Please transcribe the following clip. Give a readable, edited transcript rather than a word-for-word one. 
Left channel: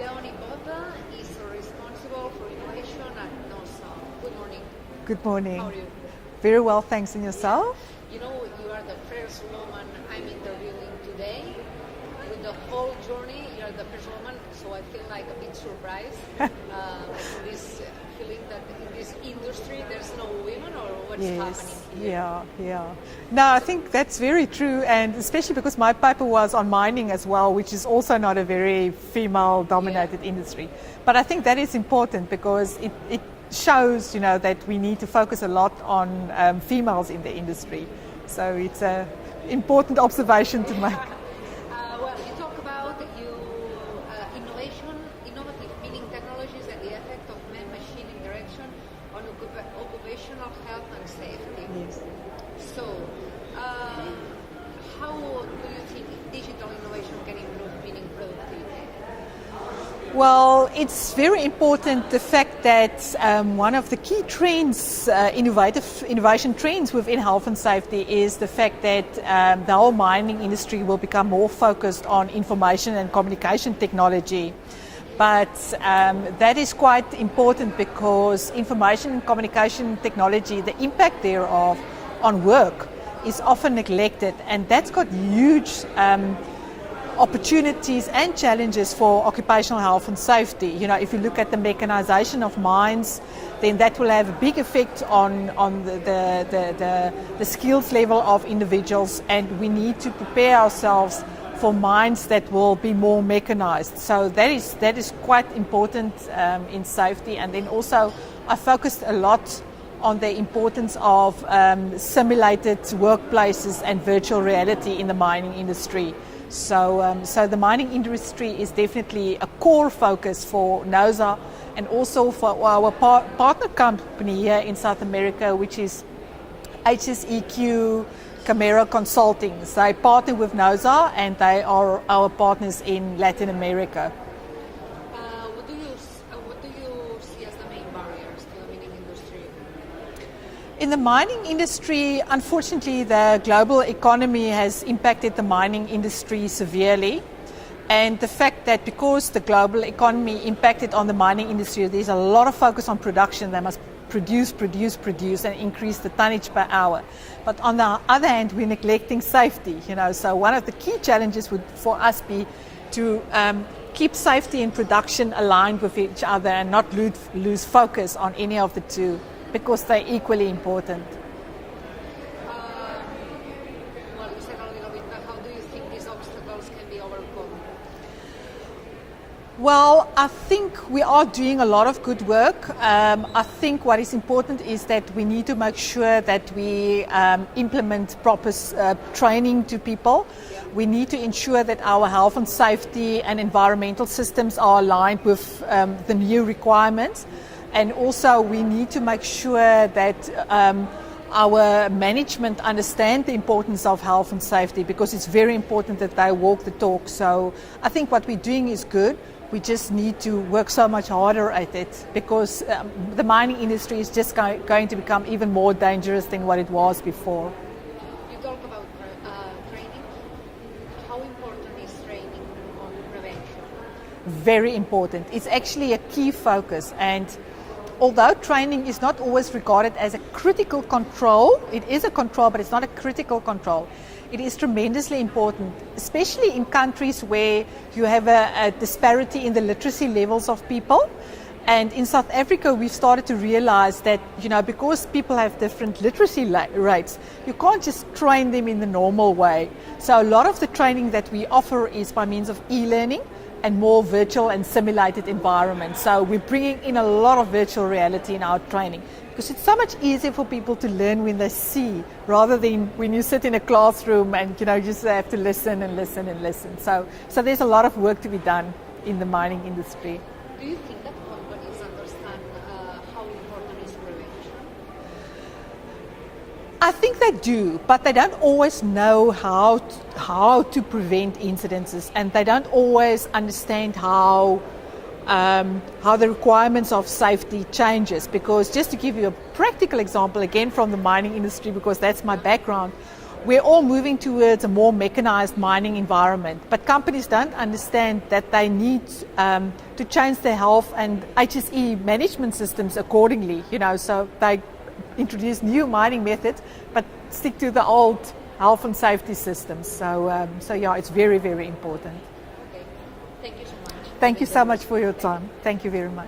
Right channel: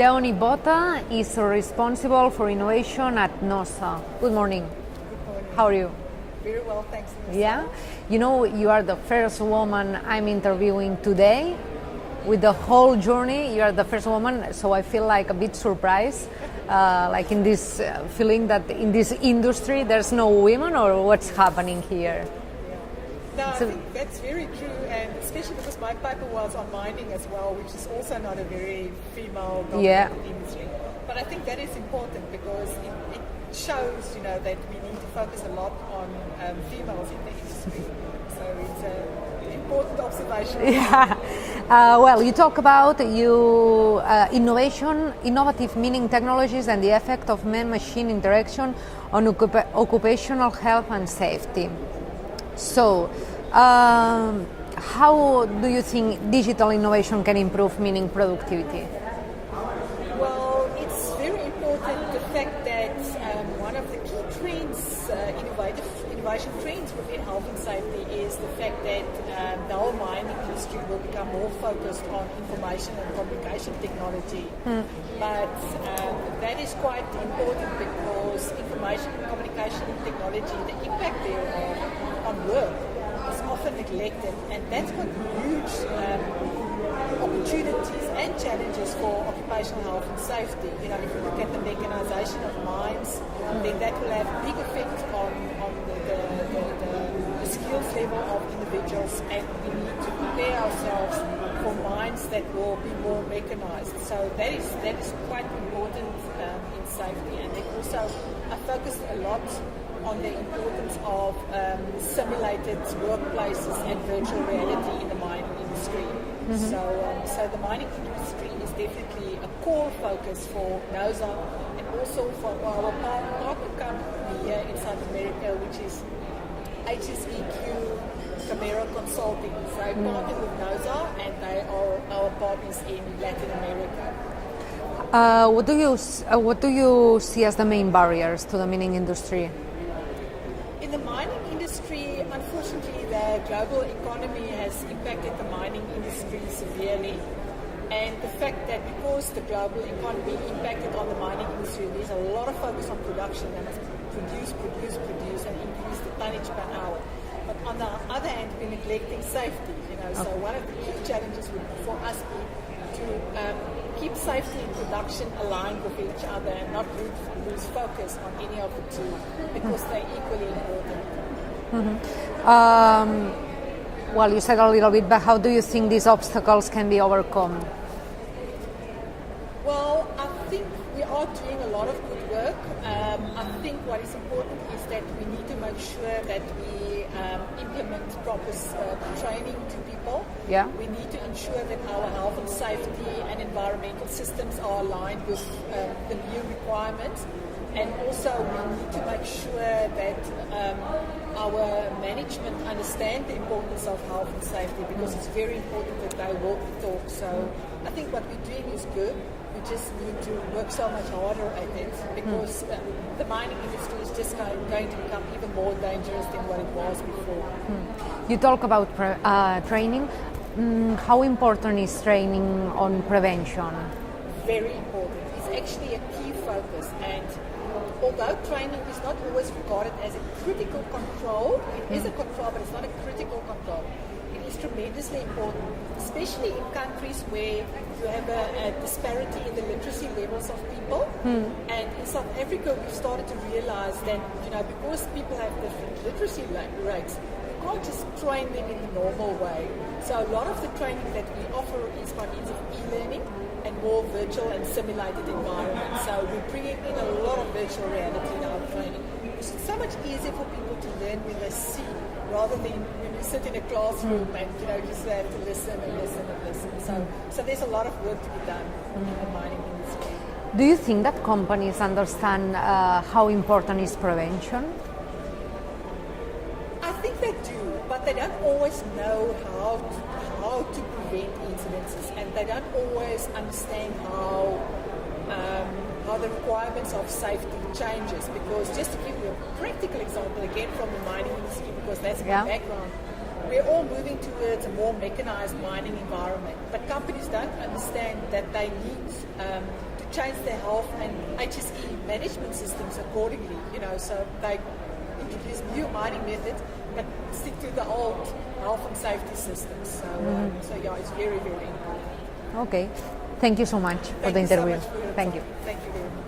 Deonie Botha is responsible for innovation at NOSA. Good morning. Good morning. How are you? Very well, thanks. And yourself? Yeah. You know, you are the first woman I'm interviewing today. With the whole journey, you are the first woman, so I feel like a bit surprised, like in this feeling that in this industry there's no women, or what's happening here? Yeah. No, I think that's very true, and especially because my paper was on mining as well, which is also not a very female-dominated industry. But I think that is important because it shows, you know, that we need to focus a lot on females in the industry. So it's an important observation to make. Well, you talk about innovative mining technologies and the effect of man-machine interaction on occupational health and safety. So, how do you think digital innovation can improve mining productivity? Well, it's very important the fact that one of the key trends, innovation trends within health and safety is the fact that the whole mining industry will become more focused on information and communication technology. But that is quite important because information and communication technology, the impact thereof on work is often neglected, and that's got huge opportunities and challenges for occupational health and safety. You know, if you look at the mechanization of mines, then that will have a big effect on the skills level of individuals, and we need to prepare ourselves for mines that will be more mechanized. So that is quite important in safety. And then also I focused a lot on the importance of simulated workplaces and virtual reality in the mining industry. So the mining industry is definitely a core focus for NOSA and also for our partner company here in South America, which is HSEQ Camera Consulting. So they partner with NOSA and they are our partners in Latin America. What do you see as the main barriers to the mining industry? In the mining industry, unfortunately, the global economy has impacted the mining industry severely. And the fact that because the global economy impacted on the mining industry, there's a lot of focus on production. They must produce and increase the tonnage per hour. But on the other hand, we're neglecting safety. You know, so one of the key challenges would for us be to keep safety and production aligned with each other and not lose focus on any of the two, because they're equally important. Well, you said a little bit, but how do you think these obstacles can be overcome? Well, I think we are doing a lot of good work. I think what is important is that we need to make sure that we implement proper training to people. Yeah. We need to ensure that our health and safety and environmental systems are aligned with the new requirements. And also we need to make sure that our management understand the importance of health and safety, because it's very important that they walk the talk. So I think what we're doing is good. We just need to work so much harder at it, because the mining industry is just going to become even more dangerous than what it was before. You talk about training. How important is training on prevention? Very important. It's actually a key focus, and although training is not always regarded as a critical control, it is a control, but it's not a critical control. It is tremendously important, especially in countries where you have a disparity in the literacy levels of people. And in South Africa, we've started to realize that, you know, because people have different literacy rates, you can't just train them in the normal way. So a lot of the training that we offer is by means of e-learning and more virtual and simulated environments. So we're bringing in a lot of virtual reality in our training, because it's so much easier for people to learn when they see, rather than when you sit in a classroom and, you know, you just have to listen and listen and listen. So there's a lot of work to be done in the mining industry. Do you think that companies understand how important is prevention? I think they do, but they don't always know how to prevent incidences, and they don't always understand how the requirements of safety changes. Because just to give you a practical example, again from the mining industry, because that's my background, we're all moving towards a more mechanized mining environment, but companies don't understand that they need to change their health and HSE management systems accordingly. So they introduce new mining methods, but stick to the old health and safety systems. So yeah, it's very, very important. Okay. Thank you so much. Thank for the you so interview. much for your Thank time. you. Thank you very much.